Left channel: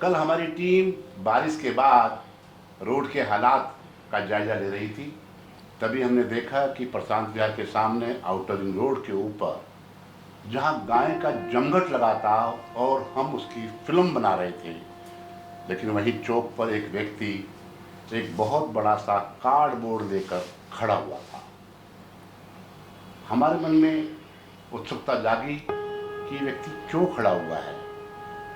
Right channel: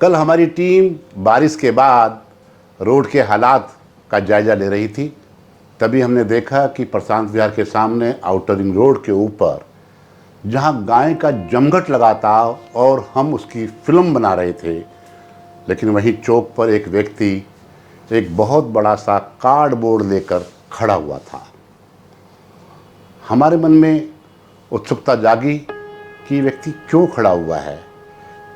कल हमारी टीम बारिश के बाद रोड के हालात का जायज़ा ले रही थी। तभी हमने देखा कि प्रशांत विहार के सामने आउटर रिंग रोड के ऊपर जहां गाय का जमघट लगा था और हम उसकी फिल्म बना रहे थे, लेकिन वहीं चौक पर एक व्यक्ति एक बहुत बड़ा सा कार्डबोर्ड लेकर खड़ा हुआ था। हमारे मन में उत्सुकता जागी कि व्यक्ति क्यों खड़ा हुआ है,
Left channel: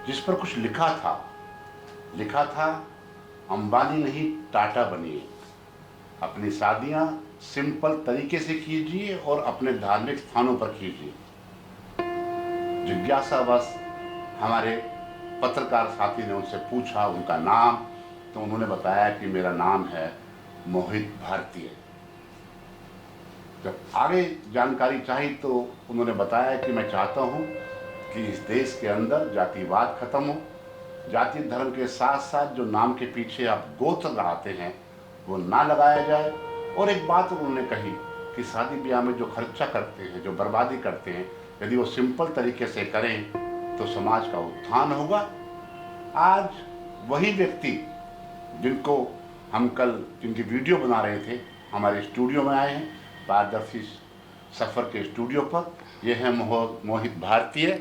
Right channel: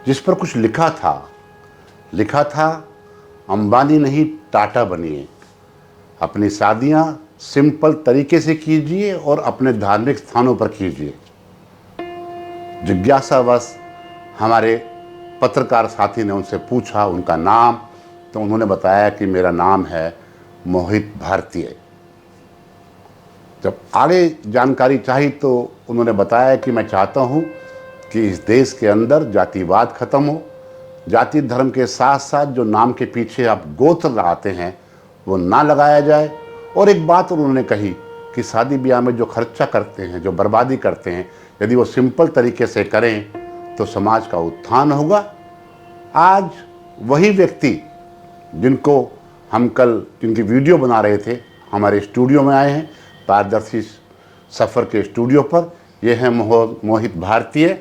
जिस पर कुछ लिखा था अंबानी नहीं टाटा बनिए, अपनी शादियां सिंपल तरीके से कीजिए और अपने धार्मिक स्थानों पर कीजिए। जिज्ञासावश हमारे पत्रकार साथी ने उनसे पूछा उनका नाम, तो उन्होंने बताया कि मेरा नाम है मोहित भारतीय। जब आगे जानकारी चाहिए तो उन्होंने बताया कि मैं चाहता हूं कि इस देश के अंदर जातिवाद खत्म हो, जाति धर्म के साथ साथ जो नाम के पीछे आप गोत्र लगाते हैं वो ना लगाया जाए। और एक बात उन्होंने कही कि शादी ब्याह में जो खर्चा करते हैं, जो बर्बादी करते हैं, यदि वो सिंपल तरीके से करें तो समाज का उत्थान होगा। आज वही व्यक्ति जिनको हम कल जिनकी वीडियो बना रहे थे हमारे स्टूडियो में आए हैं, पारदर्शी सफ़र के स्टूडियो पर। ये है मोहित भारतीय।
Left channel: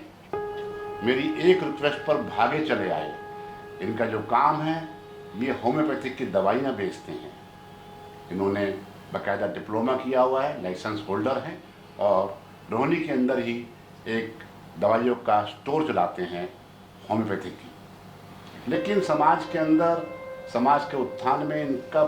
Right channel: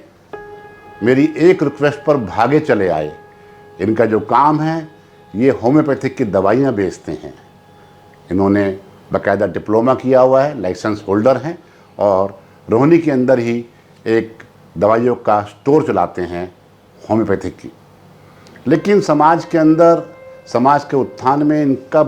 मेरी एक रिक्वेस्ट पर भागे चले आए। इनका जो काम है ये होम्योपैथिक की दवाइयाँ बेचते हैं। इन्होंने बाकायदा डिप्लोमा किया हुआ है, लाइसेंस होल्डर हैं और रोहिणी के अंदर ही एक दवाइयों का स्टोर चलाते हैं होम्योपैथिक की। लेकिन समाज के अंदर, समाज के उत्थान में इनका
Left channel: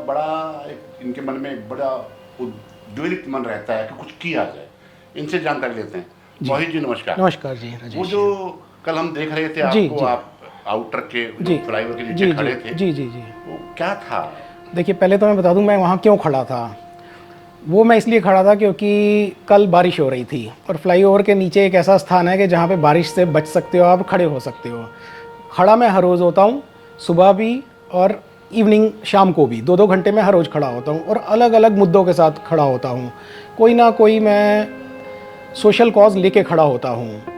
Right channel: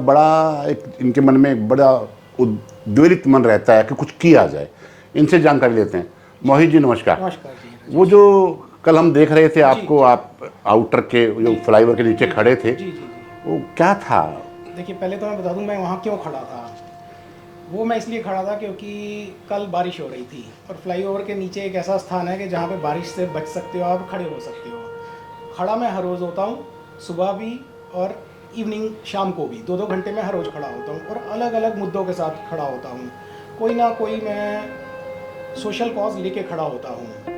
इनके मन में एक बड़ा उद्वेलित मन रहता है कि कुछ किया जाए। इनसे जानकारी लेते हैं। मोहित जी नमस्कार। नमस्कार जी। राजेश। वो जो कल हम देख रहे थे आपको, आप आउटर के जो फ्लाईओवर के नीचे खड़े थे, जी जी जी, वो क्या था? देखिए पहले तो मैं बता दूं मैं वहाँ क्यों खड़ा था। वो मैं इसलिए खड़ा था क्योंकि कल बारिश हो रही थी और फ्लाईओवर के नीचे एक ऐसा स्थान है कि जहाँ पे बारिश से बच सकते हो, आप खड़े हो सकते हो। खड़ा मैं हर रोज़ होता हूँ, सुबह भी और इवनिंग शाम को भी 2-2 घंटे में हर रोज़ खड़ा होता हूँ और अलग अलग मुद्दों के साथ खड़ा होता हूँ। कोई ना कोई मैं सोशल कॉज लेके खड़ा होता हूँ।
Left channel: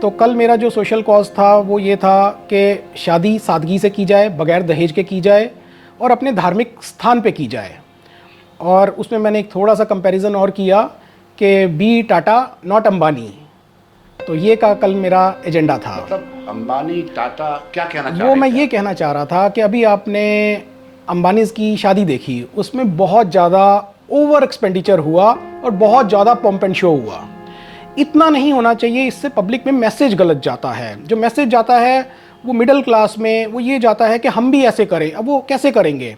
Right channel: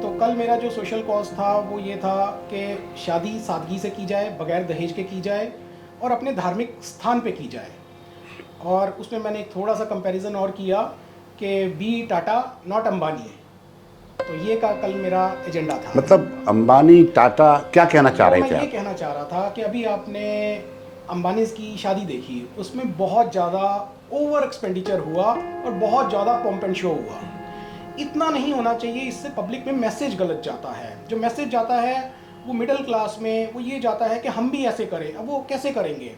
तो कल मेरा जो सोशल कॉज था वो ये था कि शादी सादगी से की जाए, बगैर दहेज के की जाए और अपने धार्मिक स्थान पे की जाए। और उसमें मैंने एक थोड़ा सा कंपैरिजन और किया कि बी टाटा नॉट अंबानी। तो ये का कल मेरा एजेंडा था। मतलब अंबानी टाटा क्या कहना चाह रहे थे? मैं ये कहना चाह रहा था कि अभी आपने अंबानीज की शादी देखी, उसमें बहुत ज़्यादा ओवर एक्सपेंडिचर हुआ और बहुत ज़्यादा पम्प एंड शो हुआ। इतना नहीं होना चाहिए, इससे पब्लिक में मैसेज गलत जाता है। जो मैसेज जाता है वो मिडिल क्लास में वो ये जाता है कि हम भी ऐसे करें। अब वो कैसे करेंगे?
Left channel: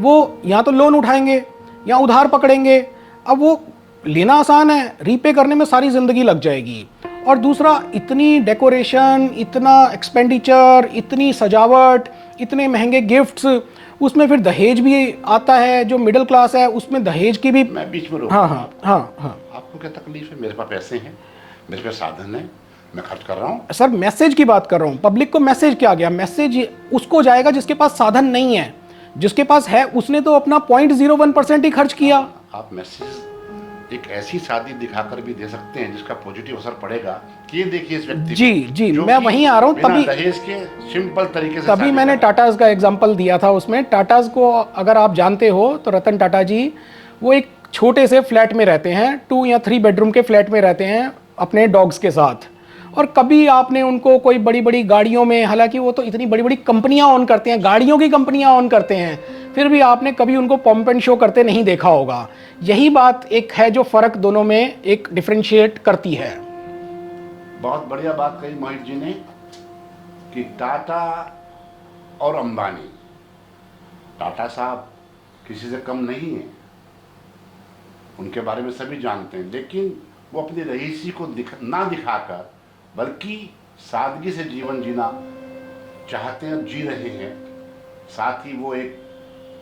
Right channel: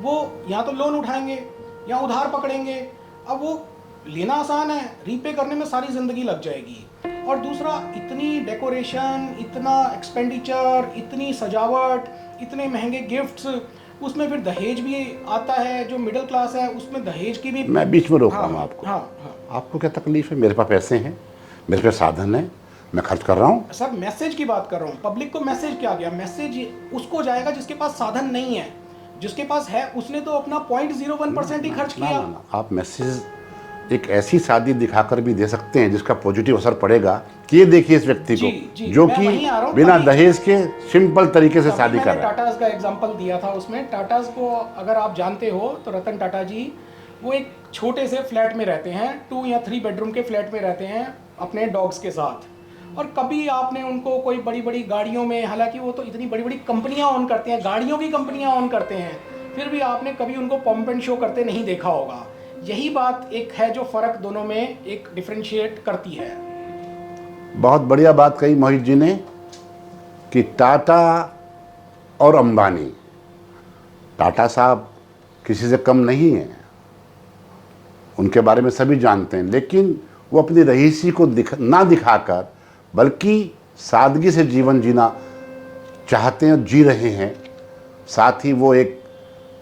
वो या तो लोन उठाएंगे या उधार पकड़ेंगे। अब वो लेना आसान है, रीपे करने में सारी ज़िंदगी लग जाएगी। और दूसरा, इतनी डेकोरेशन, इतना एक्सपेंडिचर, इतनी सजावट, इतने महंगे गिफ्ट्स, उसमें फिर दहेज भी आता है। जो मिडिल क्लास है उसमें दहेज की भी। मैं बीच में रोकूंगा आपको। हाँ। आपको क्या तकलीफ है? मेरे पास पैसे हैं, मेरे पास साधन है, मैं खर्च कर रहा हूँ। सर मैसेज की बात कर रहा हूँ। पब्लिक को मैसेज क्या गया? मैसेज उसको जाएगा जिसके पास साधन नहीं है। जिसके पास है उसने तो अपना 0.01% ही खर्च किया। आप मैसेज एक ऐसी शादी दिखाकर भी दे सकते हैं जिसका पॉजिटिव असर पड़ेगा कि ये देखिए इस व्यक्ति जी, जो मैं वहीं आ रहा हूँ। बिना दहेज के सिंपल तरीके से तभी मैंने टाटाज का एग्जांपल दिया था। उसमें टाटाज को अगर आप जानते हो तो रतन टाटा जी वो एक छोटे से फ्लैट में रहते हैं, 2 या 3 बेडरूम के फ्लैट में रहते हैं अपने डॉग्स के साथ। और कभी आपने उनको कोई बड़ी बड़ी गाड़ियों में, हालांकि वो तो इतनी बड़ी बड़ी कंपनियां ऑन करते हैं, गाड़ियों की कंपनियां ऑन करते हैं, फिर भी आपने कभी उनको पंप एंड शो करते नहीं देखा होगा। यही बात एक है जो फर्क दोनों में एक डिफरेंशिएट करती है। बहुत बढ़िया बात कही मोहित जी ने कि टाटा और अंबानी, टाटा साहब किसी से कम नहीं है, उनके बारे में सभी जानते हैं, लेकिन वो अपनी रईसी को ना दिखाकर बल्कि सादगी से जीवन जीना चाहते हैं और जी रहे हैं। साथ ही वो एक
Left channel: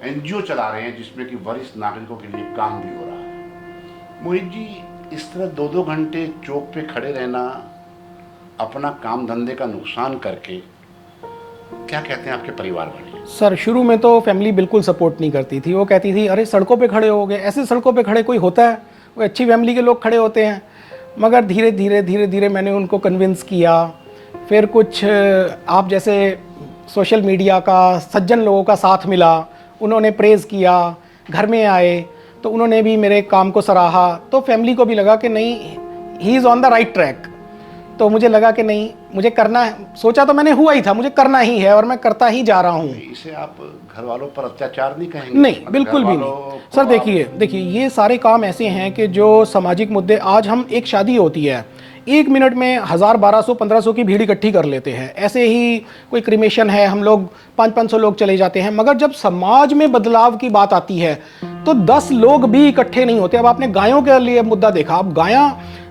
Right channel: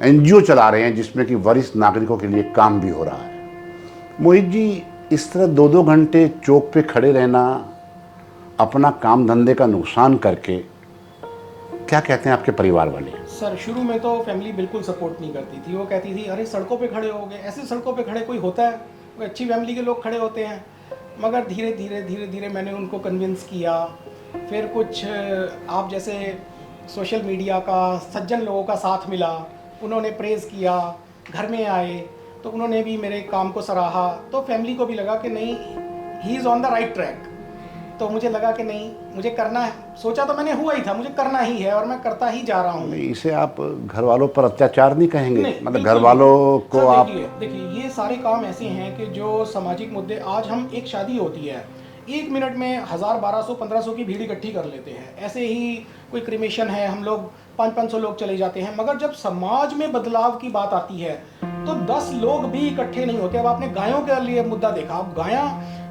एनजीओ चला रहे हैं जिसमें कि वरिष्ठ नागरिकों के लिए काम भी हो रहा है। मोहित जी, इस तरह 2-2 घंटे चौक पे खड़े रहना, अपना काम धंधे का नुकसान करके, क्या कहते हैं आपके परिवार वाले? सर शुरू में तो फैमिली बिल्कुल सपोर्ट नहीं करती थी। वो कहती थी अरे सड़कों पे खड़े हो गए, ऐसे सड़कों पे खड़े कोई होता है? वो अच्छी फैमिली के लोग खड़े होते हैं। मगर धीरे धीरे मैंने उनको कन्विंस किया। फिर कुछ आप जैसे सोशल मीडिया का, सज्जन लोगों का साथ मिला, उन्होंने प्रेज़ किया, घर में आए तो उन्होंने भी मेरे काम को सराहा, तो फैमिली को भी लगा कि नहीं, he is on the right track. तो मुझे लगा कि नहीं, मुझे करना है, सोचा तो मैंने हुआ ही था, मुझे करना ही है और मैं करता ही जा रहा हूँ। इसे आप घर वालों पर अत्याचार नहीं कहेंगे? नहीं, मतलब बिल्कुल घर भी वालों नहीं। को सर आप- देखिए ये सारे काम ऐसे हैं कि जो सामाजिक मुद्दे, आज हम एक शादी होती है, 1 मिनट में 1000, 1200, 1500 की भीड़ इकट्ठी कर लेते हैं। ऐसे ही कोई क्रिमेशन है, हम लोग 500-500 लोग चले जाते हैं। मगर जब समाज में बदलाव की बात आती है तो 10 लोग भी इकट्ठे नहीं होते। अब आपने गायों के लिए मुद्दा देखा, अब गायां,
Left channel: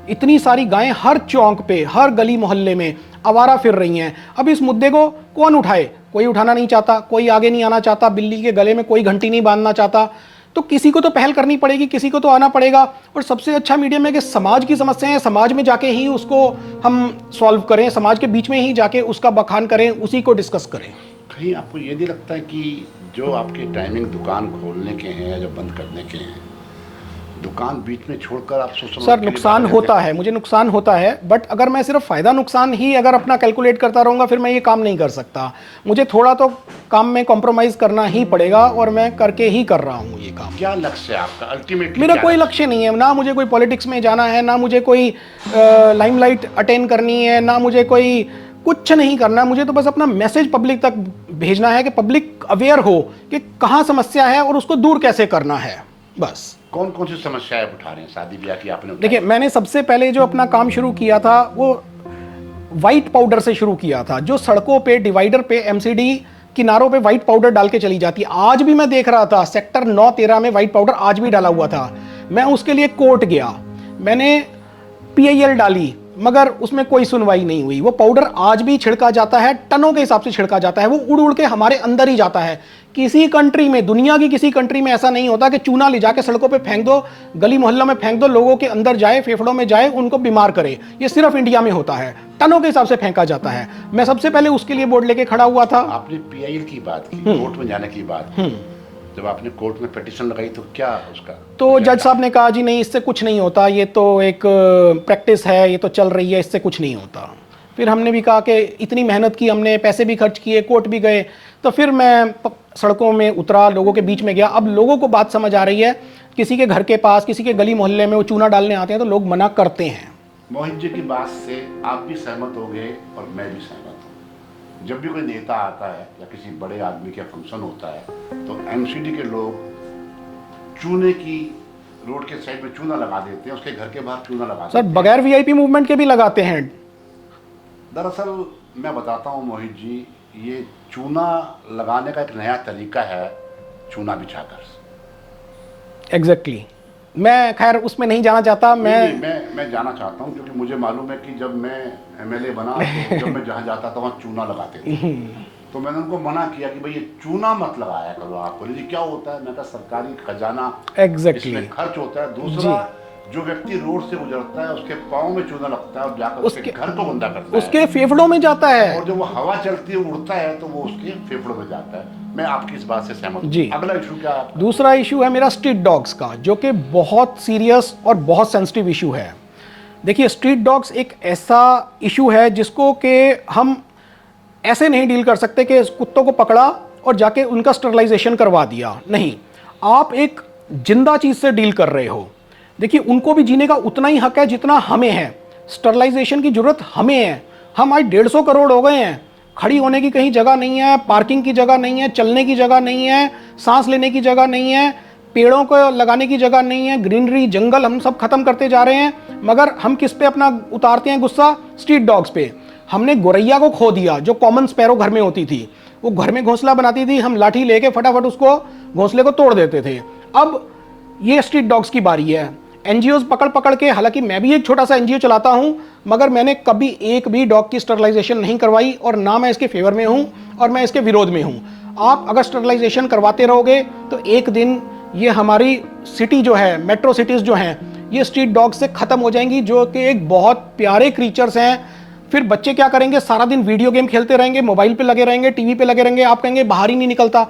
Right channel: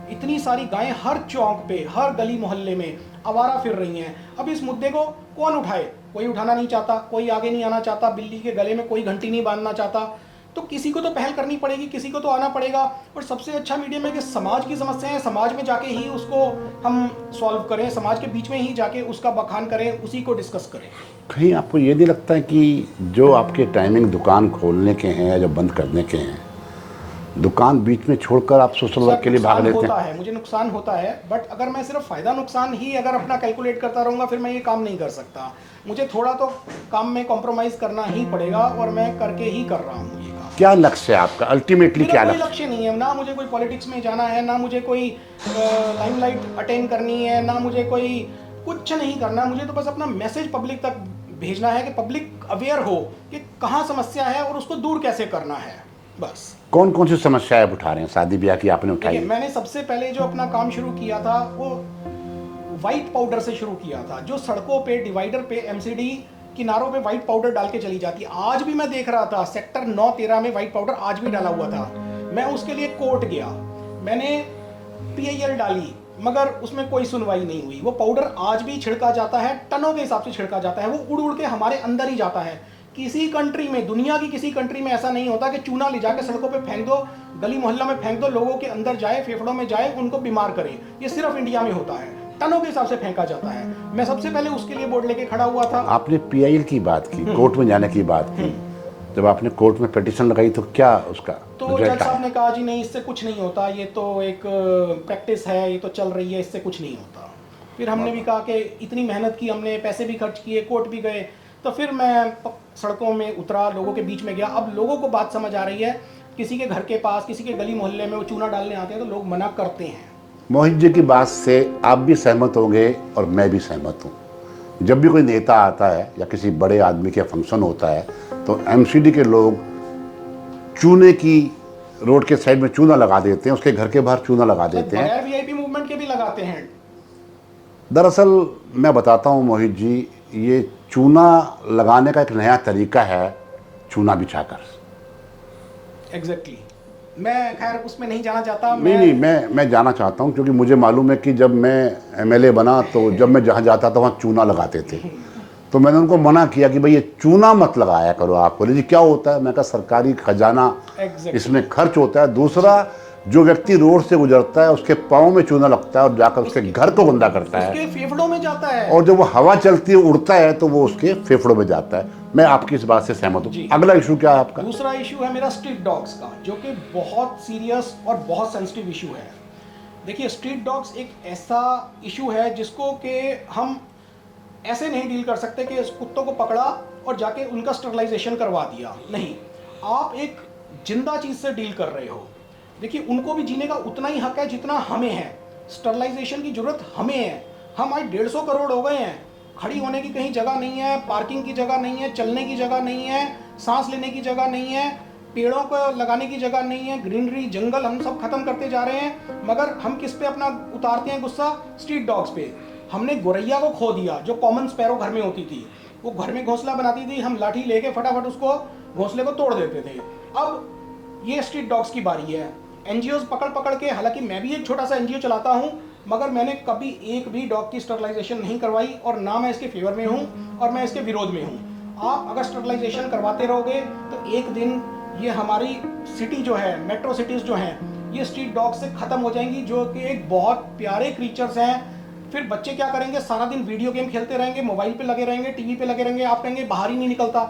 इतनी सारी गायें हर चौक पे, हर गली मोहल्ले में आवारा फिर रही हैं। अब इस मुद्दे को कौन उठाए? कोई उठाना नहीं चाहता, कोई आगे नहीं आना चाहता, बिल्ली के गले में कोई घंटी नहीं बांधना चाहता। तो किसी को तो पहल करनी पड़ेगी, किसी को तो आना पड़ेगा। और सबसे अच्छा मीडियम है कि समाज की समस्याएं समाज में जाके ही उसको हम सॉल्व करें, समाज के बीच में ही जाके उसका बखान करें, उसी को डिस्कस करें। कहीं आपको ये नहीं लगता है कि जो आपके टाइमिंग दुकान खोलने के हैं या जो बंद करने के हैं, दुकान बीच में छोड़कर आप सोशल वर्क सर के लिए नुकसान भाग लेते होता हैं? है, मुझे नुकसान होता है, बट अगर मैं सिर्फ फ़ायदा नुकसान ही अगर अपना कैलकुलेट करता रहूँगा फिर मैं ये काम नहीं कर सकता। मुझे थोड़ा तो काम में कॉम्प्रोमाइज़ करना ही पड़ेगा और मैं करके ही कर रहा हूँ ये काम। क्या लक्ष्य है आपका अल्टीमेटली? मेरा क्या कोई लक्ष्य? लक्ष्य नहीं है, ना मुझे कोई पॉलिटिक्स में जाना है, ना मुझे कोई लाइमलाइट अटेन करनी है, ना मुझे कोई कुछ नहीं करना है। मुझे तो बस अपना मैसेज पब्लिक तक भेजना है कि पब्लिक अवेयर हो कि कहाँ समस्या है और उसको दूर कैसे करना है, बस। कौन कौन सी समस्याएं आप उठा रहे हैं? शादी ब्याह की आपने उठाई? देखिए, मैंने सबसे पहले जो अपना काम शुरू किया था वो वाइट पाउडर से शुरू किया था। जो सड़कों पे, डिवाइडर पे, एमसीडी किनारों पे वाइट पाउडर डाल के चली जाती है, आज भी मैं देख रहा था सेक्टर 9-13 में वाइट पाउडर आज भी डाला हुआ था। मैं उसके लिए कोर्ट गया, मैंने पीआईएल डाली, मगर उसमें कोई सुनवाई नहीं हुई। वो पाउडर आज भी छिड़का जाता है, टनों के हिसाब से छिड़का जाता है, वो उड़ उड़ के हमारे अंदर ही जाता है। किसी कंट्री में, दुनिया की किसी कंट्री में ऐसा नहीं होता कि चूना ले जाके सड़कों पे फेंक दो, गली मोहल्ला में फेंक दो, लोगों के अंदर जाए, फेफड़ों में जाए, उनको बीमार करे। ये सिर्फ इंडिया में होता है, टनों के हिसाब से फेंका जाता है। मैं सबसे पहले उसके लिए बोर्ड लेके खड़ा हुआ था। आपने पीआईएल की बात की, कोर्ट में जाने की बात की, जब आपने कोर्ट में पिटीशन लगाई तो क्या उसका? तो जज साहब ने कहा जी नहीं, इससे कुछ नहीं होता, ये तो एक प्रैक्टिस है, ये तो चल रही है, इससे कुछ नहीं होता। फिर हमने भी कहा कि इतनी मेहनत की हमने, पैसे भी खर्च किए, कोर्ट भी गए, तो फिर मैं सड़कों में उतरा, लोगों के बीच में गया। अब लोगों को बात समझ आ रही है, किसी के घर के पास, किसी के गली मोहल्ले में वो चूना डालने आते हैं तो लोग मना करते हैं। मोहित जी की बात से आप भी सहमत होंगे और मैं भी सहमत हूँ। जब भी कोई नेता आता है या किसी बड़े आदमी का फंक्शन होता है तो एमसीडी के लोग चूने की, रोड के साइड में चूना लगा देते हैं, उसके घर के बाहर चूना लगा देते हैं। बगैर वीआईपी मूवमेंट के भी लगाते हैं। दरअसल मैं बताता हूँ मोहित जी, ये चूना लगाने का एक नया तरीका है, चूना बिछाकर। एग्जैक्टली। मैं खैर उसमें नहीं जाना चाहता। मैं जाना चाहता हूँ क्योंकि मुझे मालूम है कि जब मैं एमएलए बना तो जब मैं जहाँ जाता था वहाँ चूना लगाते थे। तो मैंने उनको मना किया कि भाई ये चूना मत लगाया करो आप। बोले जी क्या होता है? मैं कहा सरकारी खजाना इसमें खर्च होता है। दूसरा, जो व्यक्ति रोड से गुजरता है उसके पाँव में चूना लगता है और जाकर उसके घर को गंदा करता है, उसके फेफड़ों में जाता है, और जब वो हवा चलती है उड़ता है तो वो उसके फेफड़ों में जाता है। मैं आपकी इस बात से सहमत हूँ। अगला इशू क्या है आपका? दूसरा इशू है मेरा स्ट्रीट डॉग्स का, जो कि बहुत सीरियस और बहुत सेंसिटिव इशू है। देखिए, स्ट्रीट डॉग्स एक ऐसा इशू है जिसको कि हम ऐसे नहीं डील कर सकते कि कुत्तों को पकड़ा और जाके उनका स्टरलाइजेशन करवा दिया। नहीं, आप एक जिंदा चीज से डील कर रहे हो। देखिए, उनको भी जीने का उतना ही हक है जितना हमें है। स्टरलाइजेशन की जरूरत हमें है। हम आज 150 करोड़ हो गए हैं, खड़ी होने की कहीं जगह नहीं है, पार्किंग की जगह नहीं है, चलने की जगह नहीं है, सांस लेने की जगह नहीं है, पेड़ों को लगाने की जगह नहीं है, ग्रीनरी, जंगल हम सब खत्म करते जा रहे हैं। मगर हम किस पे अपना उतारते हैं गुस्सा? स्ट्रीट डॉग्स पे। हमने गोरैया को खो दिया, जो कॉमन स्पैरो घर में होती थी। वो घर में घोंसला बनाती थी, हम लाठी लेके फटाफट उसको घोंसले को तोड़ देते थे। अब ये स्ट्रीट डॉग्स की बारी है। एनजीओज पकड़ पकड़ के, हालांकि मैं भी एक छोटा सा एनजीओ चलाता हूं, मगर मैंने कभी एक भी डॉग की स्टरलाइजेशन नहीं करवाई, और ना मैं इसके फेवर में हूं और मैं इसके विरोध में हूं। आप अगर स्टरलाइजेशन करवाते रहोगे तो एक दिन ये हमारी सिटी जो है, मेट्रो सिटीज जो हैं, ये स्ट्रीट डॉग से खत्म हो जाएंगी, जो कि एक बहुत प्यारे क्रीचर्स हैं। फिर बच्चे क्या करेंगे? सारा दिन वीडियो गेम खेलते रहेंगे, मोबाइल पे लगे रहेंगे, टीवी पे लगे रहेंगे। आप कहेंगे बाहर ही नहीं निकलता।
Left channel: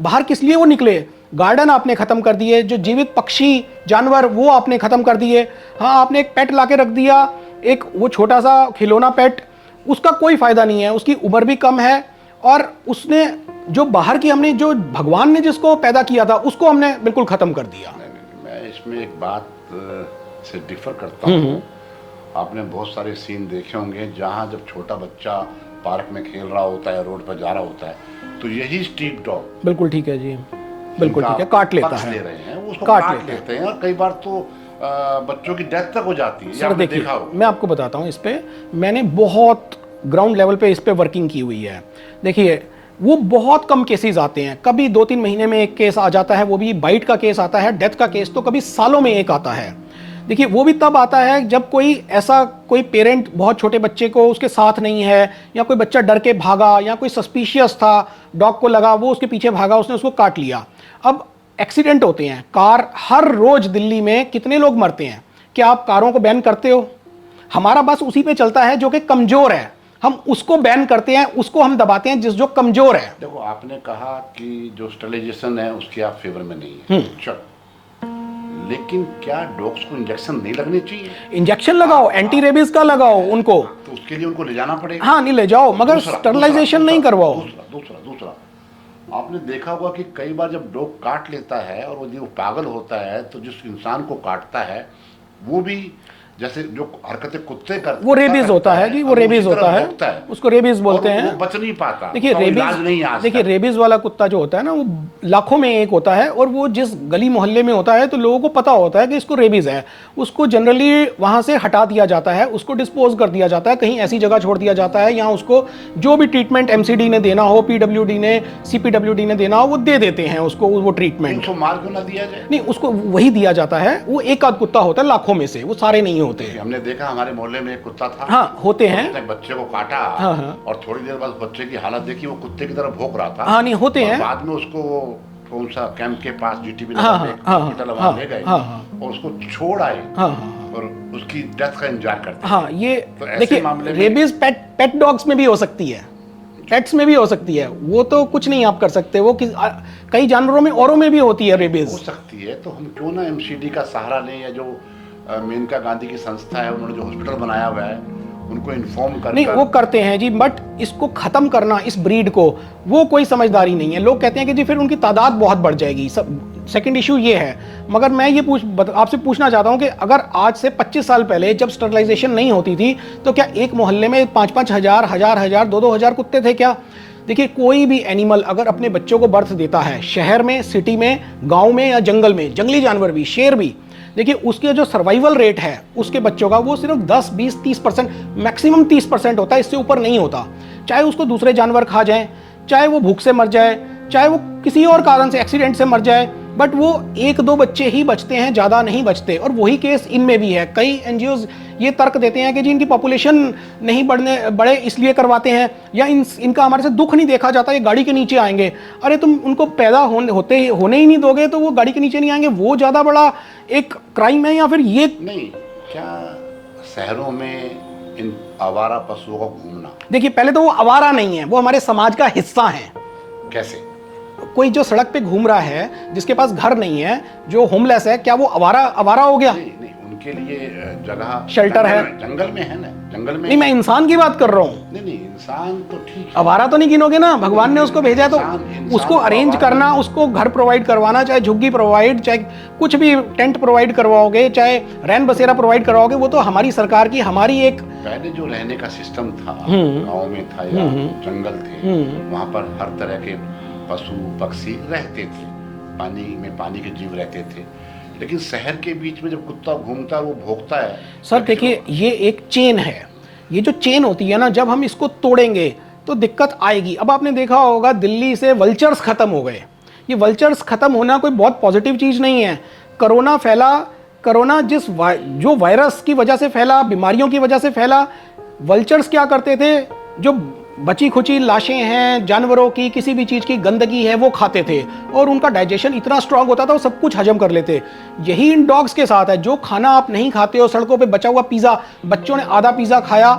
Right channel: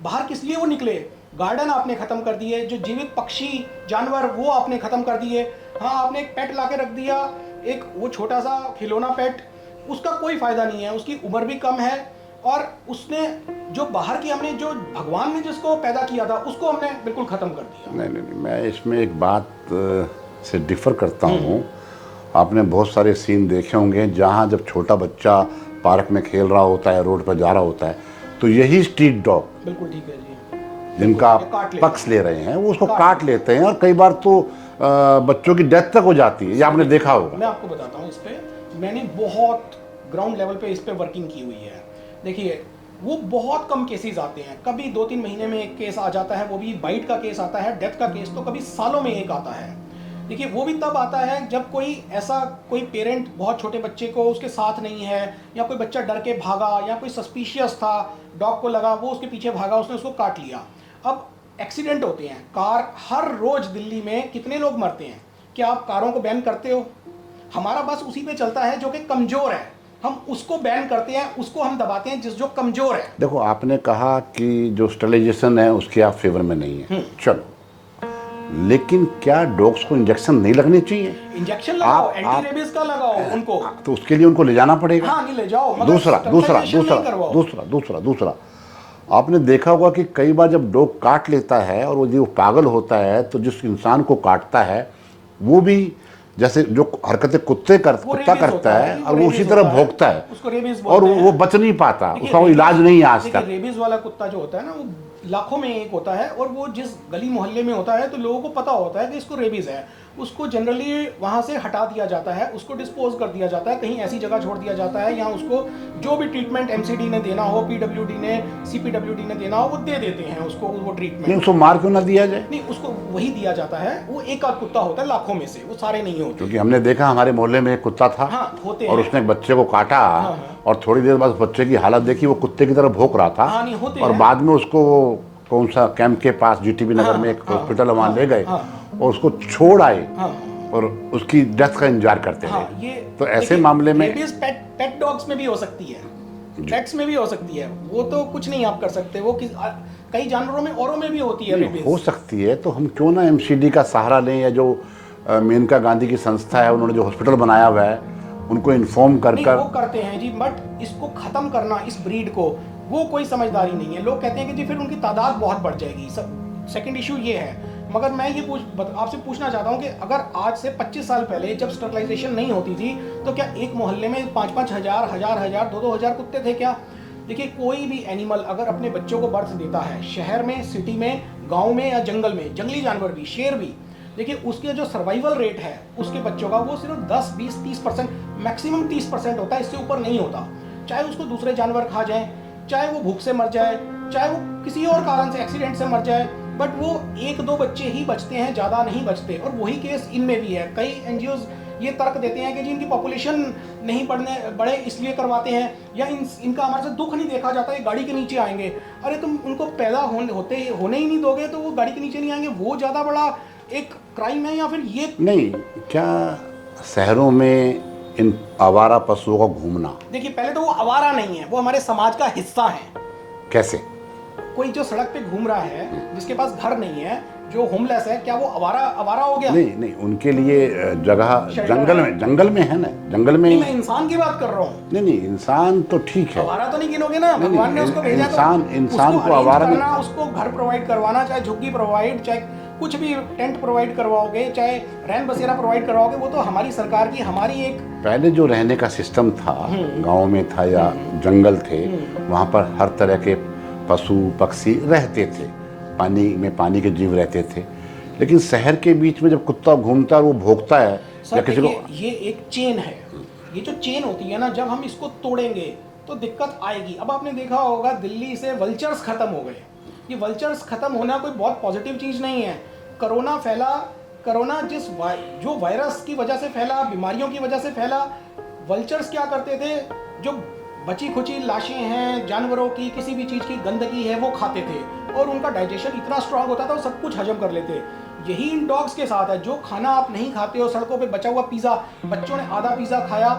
बाहर किस लिए वो निकले? गार्डन आपने खत्म कर दिए, जो जीवित पक्षी जानवर वो आपने खत्म कर दिए। हाँ, आपने एक पेट लाके रख दिया, एक वो छोटा सा खिलौना पेट, उसका कोई फायदा नहीं है, उसकी उम्र भी कम है और उसने जो बाहर की हमने जो भगवान ने जिसको पैदा किया था उसको हमने बिल्कुल ख़त्म कर दिया। नहीं, मैं इसमें एक बात से डिफर करता हूँ। आपने बहुत सारे सीन देखे होंगे जहाँ जब छोटा बच्चा पार्क में खेल रहा होता है, रोड पर जा रहा होता है, तो यही स्ट्रीट डॉग, बिल्कुल ठीक है जी, जिनका काट लेता पक्ष है, ले रहे हैं, वो उसको काट लेते हैं और कई बार तो बच्चों की डेथ तक हो जाती है। ये आपने देखा होगा। मैं आपको बताता हूँ, इस पे मैंने बहुत ग्राउंड लेवल पे इस पे वर्किंग की हुई है। देखिए, वो बहुत कम केसेस आते हैं, कभी 2-3 महीने में एक केस आ जाता है, वो भी बाइट का केस आता है। डेथ का केस तो कभी सालों में एक आता है। देखिए, वो भी तब आता है जब कोई पेरेंट बहुत छोटे बच्चे को उसके साथ नहीं है, या कोई बच्चा डर के भागा, या कोई सस्पिशियस था, डॉग को लगा, वो उसके पीछे भागा, उसने उसको काट लिया। अब एक्सीडेंट होते हैं, कार हर रोज दिल्ली में कितने लोग मरते हैं। क्या आप कारों को बैन करते हो? हमारा बस उसी पे चलता है जो कि कमजोर है, हम उसको बैन करते हैं, उसको हम दबाते हैं जो कमजोर है। देखो, आपने कहा कि जो स्टरलाइजेशन है उसके आप फेवर में नहीं है, चलो, लेकिन क्या डॉग्स को इंजेक्शन नहीं लगने चाहिए? इंजेक्शन लगाओ, एंटी रेबीज का लगाओ उनको, तो उसके लिए उनको ले जाना पड़ेगा। हाँ, नहीं ले जाओ, मगर स्टरलाइजेशन नहीं करवाओ। दूसरा आपने देखा होगा कि कई बार जब डॉग काट लेता है और वो जो पागल होता है, तो जिस इंसान को काटता है वो भी जैसे जो हरकतें कुत्ते करता वो रेबीज होता है जी, वो रेबीज होता है, भोगता है, उसको रेबीज बोलते हैं, और वो बच नहीं पाता, देखिए, उसका इलाज नहीं आज तक। देखिए, रेबीज वाला कुत्ता जो होता है ना, वो लाखों में एक होता है, और वो जिस गली मोहल्ले में होता है तो लोगों को पता होता है कि इसको रेबीज है। उसको जनरली वहां से हटा दिया जाता है, उसको डिस्पोज कर दिया जाता है, कहीं ऐसी जगह छोड़ दिया जाता है, यहाँ उसको जो भी ट्रीटमेंट एमसीडी ने देना हो, पीडब्ल्यूडी ने, सीपीडब्ल्यूडी ने देना हो, वो दे देते हैं उसको, वो ट्रीटमेंट। उसको मार क्यों ना दिया जाए? नहीं, उसको वही दिया जाता है। वो एक आध कुत्ता होता है लाखों में से, वो सारे नहीं होते। हमने देखा हमारे मोहल्ले में एक कुत्ता था, हाँ, होते हैं, उसने बच्चे को काटा, और थोड़ी देर बाद बच्चे की हालत देखी, वो कुत्ते की तरह भौंक रहा था। हाँ, नहीं, होते हैं। बाद में उसको कौन सा कैंप के पास जीटीबी नगर में एक हॉस्पिटल वहां ले गए, और उसको छोड़ आए, और उसकी डेथ का इंतजार करते थे। ये तो ऐसे मामले में रेबीज पेट डॉग्स में भी हो सकती है, पेट्स में भी हो सकती है, वो तो कुछ नहीं आप कर सकते। वो कई जानवरों में, औरों में भी होती है रेबीज। हो सकती है, तो हम क्यों ना एमसीडी का सहारा लें, या जो मेनका गांधी की संस्था है, उन्होंने जो हॉस्पिटल बनाया हुआ है, उनको इन्फॉर्म कर। नहीं, वो करते हैं जी, बट इसको खत्म करना, इस ब्रीड को, वो कोई समझदारी नहीं है। लोग कहते हैं कि जी फिर उनकी तादाद बहुत बढ़ जाएगी। सेकंड इशू ये है। मगर मैं ये आपसे पूछना चाहता हूं कि अगर आज से 25 साल पहले जब स्टरलाइजेशन नहीं होती थी, तो क्या एक मोहल्ले में 5-5 हजार, 2-2 हजार कुत्ते थे क्या? देखिए, कोई भी एनिमल अगर अपने बच्चों को बर्थ देता है, शहर में, सिटी में, गांव में या जंगल में, जंगली जानवर भी, शेर भी, देखिए उसके जो सर्वाइवल रेट है उसके बच्चों का, वो सिर्फ 10, 20, 30%, मैक्सिमम 30% होता है, इससे ऊपर नहीं होता। चाहे उसको दूसरे जानवर खा जाए, चाहे वो भूख से मर जाए, चाहे वो किसी और कारण से एक्सीडेंट से मर जाए, बट वो 1-2 बच्चे ही बचते हैं, ज़्यादा नहीं बचते। और वही केस इनमें भी है। कई एनजीओज ये तर्क देते हैं कि जी इनकी पॉपुलेशन नहीं बढ़े इसलिए करवाते हैं, या इनका हमारे से दुख नहीं देखा जाता, ये गाड़ी के नीचे आएंगे। अरे तुम उनको पैदा होने ही नहीं दोगे तो वो गाड़ी के नीचे नहीं आएंगे, वो ज़्यादा बड़ा एक क्राइम है, या फिर ये नहीं? क्या शहरों में इन आवारा पशुओं का घूमना, देखिए, पहले तो वो आवारा नहीं है, वो हमारे समाज का हिस्सा है। कैसे? कोई जो सड़क पे घूम रहा है, जिसके पास घर नहीं है, जो होमलेस है, क्या वो आवारा हो गया? नहीं, उनके लिए जगह शेल्टर है, जंगल में है ना, जंगल में। नहीं, मैं इंसान की बात कर रहा हूँ। नहीं, इंसान तो ठीक है, आवारा तो नहीं गिनोगे ना, भगवान ने उसको भेजा तो उसको अरेंज करना, उसको घर प्रोवाइड करवाना, चाहे झुग्गी प्रोवाइड, चाहे कुछ भी टेंट प्रोवाइड करवाओगे, चाहे रैन बसेरा प्रोवाइड करवाओगे, वो तो हमारी सरकार की, हमारी एक। पहले जो रहने का सिस्टम था, गाँव में था या जंगल थे, वहाँ पर हर तरह के पशु पक्षी रहते थे, पानी के जीव रहते थे। लेकिन शहर के बीच में जब कुत्ता घूमता है और वो भौंकता है। सर देखिए, ये एक चेन है, ये जो चेन होती है ना, जब हम इसको तोड़ेंगे तो दिक्कत आएगी। अब आपने देखा होगा दिल्ली से वल्चर्स खत्म हो गए। ये वल्चर्स खत्म होना कोई बहुत पॉजिटिव चीज नहीं है। कोरोना फैला, कोरोना जो वायरस की वजह से फैला, बीमारियों की वजह से फैला, वल्चर्स क्या करते थे? जो बची खुची लाशें हैं जानवरों की, किसी भी चीज की गंदगी है, वो खाते थे, और उनका डाइजेशन इतना स्ट्रांग होता था, वो सब कुछ हजम कर लेते। यही इन डॉग्स के साथ है। जो खाना आप नहीं खाते हो, सड़कों पे बचा हुआ पिज्जा, बच्चों ने आधा पिज्जा खाया,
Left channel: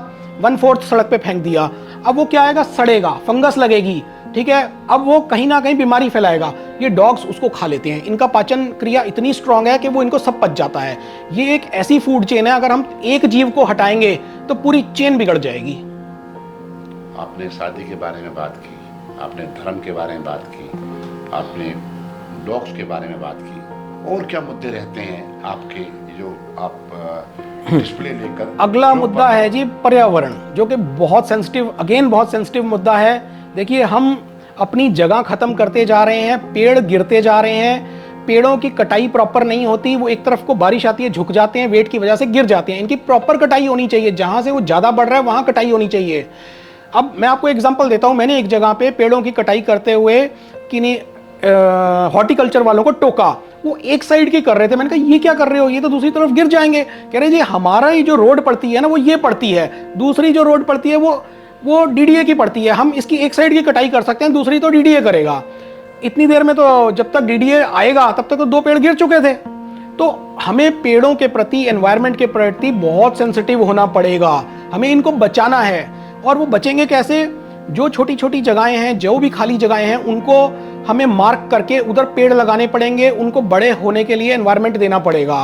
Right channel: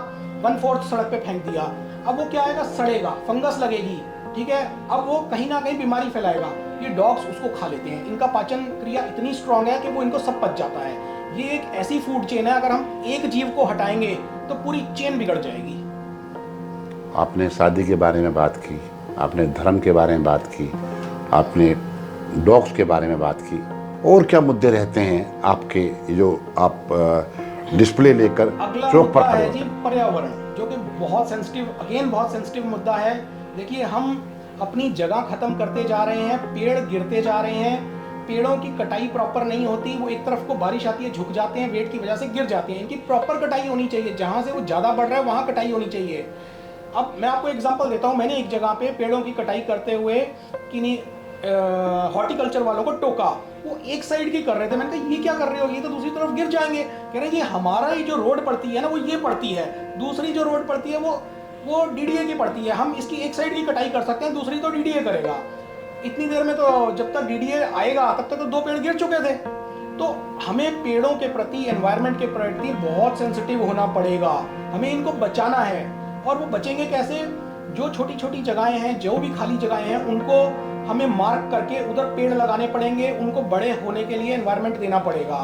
1/4 सड़क पे फेंक दिया, अब वो क्या आएगा? सड़ेगा, फंगस लगेगी, ठीक है, अब वो कहीं ना कहीं बीमारी फैलाएगा। ये डॉग्स उसको खा लेते हैं। इनका पाचन क्रिया इतनी स्ट्रांग है कि वो इनको सब पच जाता है। ये एक ऐसी फूड चेन है, अगर हम एक जीव को हटाएंगे तो पूरी चेन बिगड़ जाएगी। आपने शादी के बारे में बात की, आपने धर्म के बारे में बात की, आपने डॉग्स के बारे में बात की, और क्या मुद्दे रहते हैं आपके जो आप डिस्प्ले लेकर? अगला चौक मुद्दा पर है जी पर्यावरण, जो कि बहुत सेंसिटिव, अगेन बहुत सेंसिटिव मुद्दा है। देखिए, हम अपनी जगह खत्म करते जा रहे हैं, पेड़ गिरते जा रहे हैं, पेड़ों की कटाई प्रॉपर नहीं होती, वो एक तरफ को बारिश आती है झुक जाते हैं, वेट की वजह से गिर जाते हैं। इनकी प्रॉपर कटाई होनी चाहिए, जहां से वो ज्यादा बढ़ रहा है वहां कटाई होनी चाहिए। अब मैं आपको एग्जांपल देता हूं, मैंने एक जगह पे पेड़ों की कटाई करते हुए किन्हीं हॉर्टिकल्चर वालों को टोका। वो एक साइड की कर रहे थे, मैंने कहा ये क्या कर रहे हो, ये तो दूसरी तरफ गिर जाएंगे। कह रहे जी हमारा ही जो रोड पड़ती है ना वो ये पड़ती है, दूसरी जो रोड पड़ती है वो डीडीए की पड़ती है, हम इसकी एक साइड की कटाई कर सकते हैं, दूसरी तो डीडीए करेगा। इतनी देर में तो जब तक डीडीए आएगा तब तक तो 2 पेड़ गिर चुके थे। तो हमें पेड़ों के प्रति, एनवायरनमेंट के प्रति बहुत सेंसिटिव होना पड़ेगा, हमें इनको बचाना है। और वो बचेंगे कैसे? जो छोटी छोटी जगहें हैं, जो भी खाली जगहें हैं, उनको हमें मार्क करके उधर पेड़ लगाने पड़ेंगे, उनको बड़े होने के लिए एनवायरनमेंट देना पड़ेगा।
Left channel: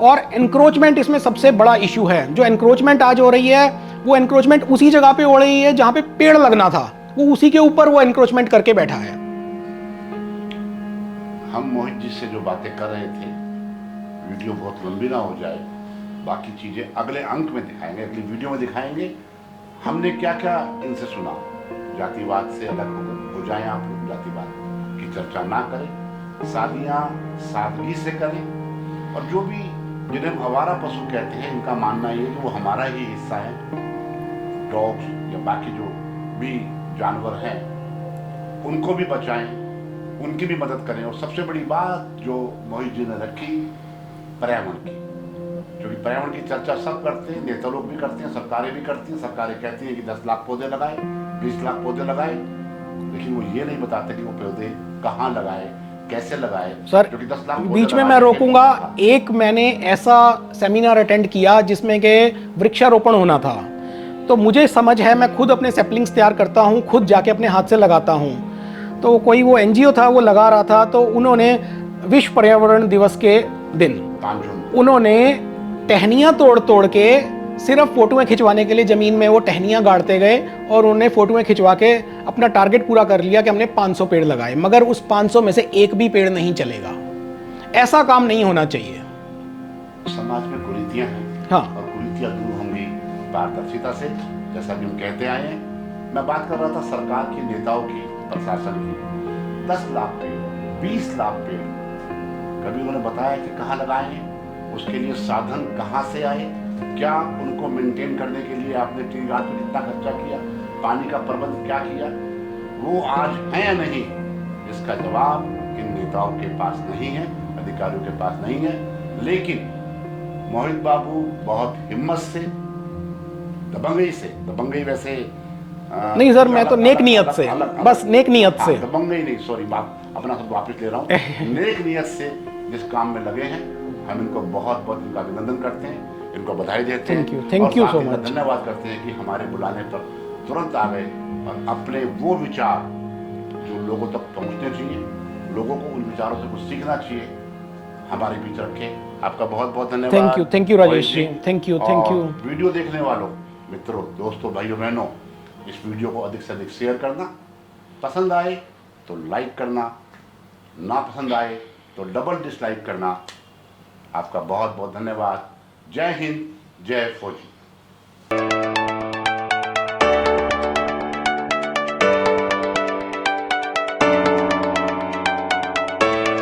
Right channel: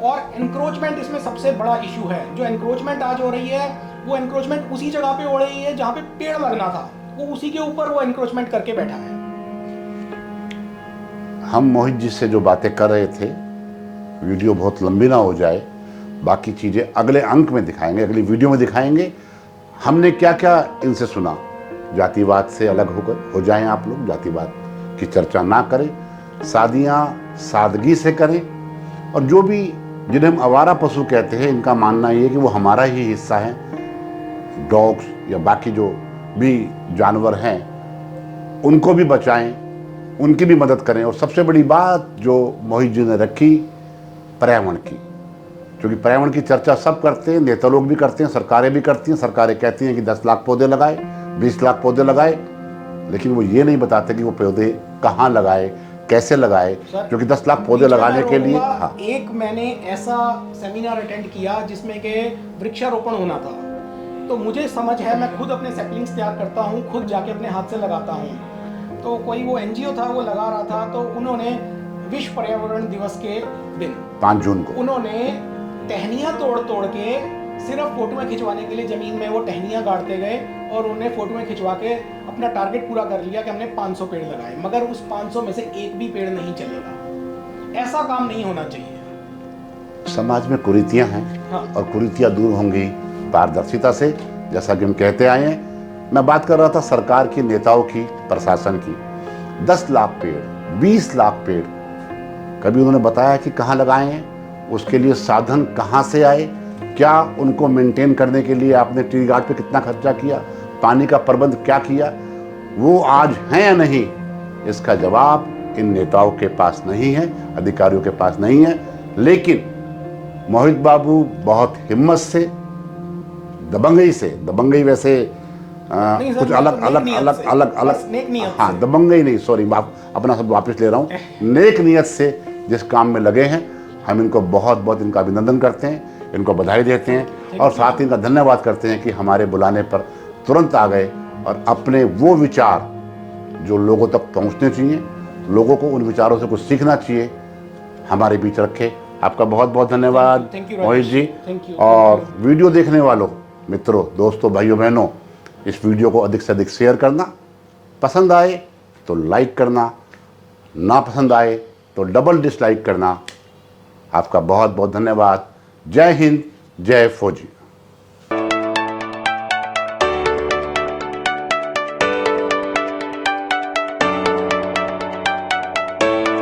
और एनक्रोचमेंट इसमें सबसे बड़ा इशू है। जो एनक्रोचमेंट आज हो रही है, वो एनक्रोचमेंट उसी जगह पे हो रही है जहां पे पेड़ लगना था, वो उसी के ऊपर वो एनक्रोचमेंट करके बैठा है। हम मोहित जी से जो बातें कर रहे थे, वीडियो बहुत लंबी ना हो जाए, बाकी चीज़ें अगले अंक में दिखाएंगे, अगली वीडियो में दिखाएंगे। हमने क्या क्या इनसे सुना। जातिवाद से अलग होकर हो जाएं आप लोग, जातिवाद की चर्चा ना करें, शादियाँ सादगी से करें। और जो भी जिन्हें हम आवारा पशु कहते हैं, इनका मानना ये है कि वो हमारा ही हिस्सा है। डॉग्स या बाकी जो भी जानवर हैं उनको भी बचाएं, उनकी भी मदद करें। और सबसे बड़ी बात जो मोहित जी ने रखी, पर्यावरण की, क्योंकि पर्यावरण की चर्चा सब करते हैं, नेता लोग भी करते हैं, सरकारें भी करती हैं। सरकारें कहती हैं कि 10 लाख पौधे लगाए, 20 लाख पौधे लगाए, लेकिन वो ये नहीं बताते कि वो पौधे कहाँ लगाए, कैसे लगाए। सर, क्योंकि 10 लाख पौधे बीच में मैं लगाने के लिए रोकूंगा। एक मैंने ऐसा सेमिनार अटेंड किया जिसमें के वृक्षारोपण होना था, तो मुझे समझ है, मैं खुद अपने सैपलिंग्स तैयार करता हूँ, खुद जाके अपने हाथ से लगाता हूँ। तो कोई वो एनजीओ था, वो लगा रहा था, तो उन्होंने विश्व पर्यावरण दिवस के दिन 5 जून को उन्होंने टहनियाँ तोड़ तोड़ के सिर्फ फोटोएं खिंचवाने के लिए जमीन में वो टहनियाँ गाड़ते गए, और उन्होंने फोटोएं खिंचवा के अपना टारगेट पूरा कर लिया कि हमने 500 पेड़ लगाए। मगर उस 500 में से एक भी पेड़ नहीं चलेगा। ऐसा काम नहीं होना चाहिए। समाज में कुरीतियां हैं, हाँ। और कुरीतियां दूर होंगी पारदर्शिता से, जैसा कि हम कहते आए हैं। मैं बात कर रहा था सरकार की, नेताओं की, प्रशासन की। 10 लाख पेड़, 20 लाख पेड़, कभी उन्होंने बताया कि कहाँ लगाए हैं, उसके लिए साधन कहाँ से आए, क्या उनको मेंटेन करने के लिए आपने ट्री गार्ड पे कितना खर्चा किया, पानी का प्रबंध क्या किया, वो आज है या नहीं, इसका जवाब इन नेताओं के पास नहीं है, अधिकारियों के पास नहीं है। लेकिन मोहित बाबू बहुत हिम्मत से, दबंगई वैसे नहीं सर, मैं तो नेक नियत से, बस नेक नियत से, दबंगई नहीं, सॉरी, अपना सब वापस ले रहा हूँ। नेक नियत से जिस काम में लगे हैं, हम इनको बहुत बहुत इनका अभिनंदन करते हैं, इनको बधाई देते हैं, और साथ ही इनका धन्यवाद करते हैं कि हमारे बुलाने पर तुरंत आ गए और अपने वो विचार जो लोगों तक पहुंचने चाहिए, लोगों को उन विचारों से कुछ सीखना चाहिए, हमारे बीच रखे। आपका बहुत बहुत धन्यवाद। Thank you Rajesh ji, thank you. और वीडियो देखने वालों, मित्रों, दोस्तों, भाइयों बहनों, इस वीडियो को अधिक से अधिक शेयर करना, पसंद आए तो लाइक करना, ना पसंद आए तो डबल डिसलाइक करना। आपका बहुत बहुत धन्यवाद। जय हिंद, जय फौजी।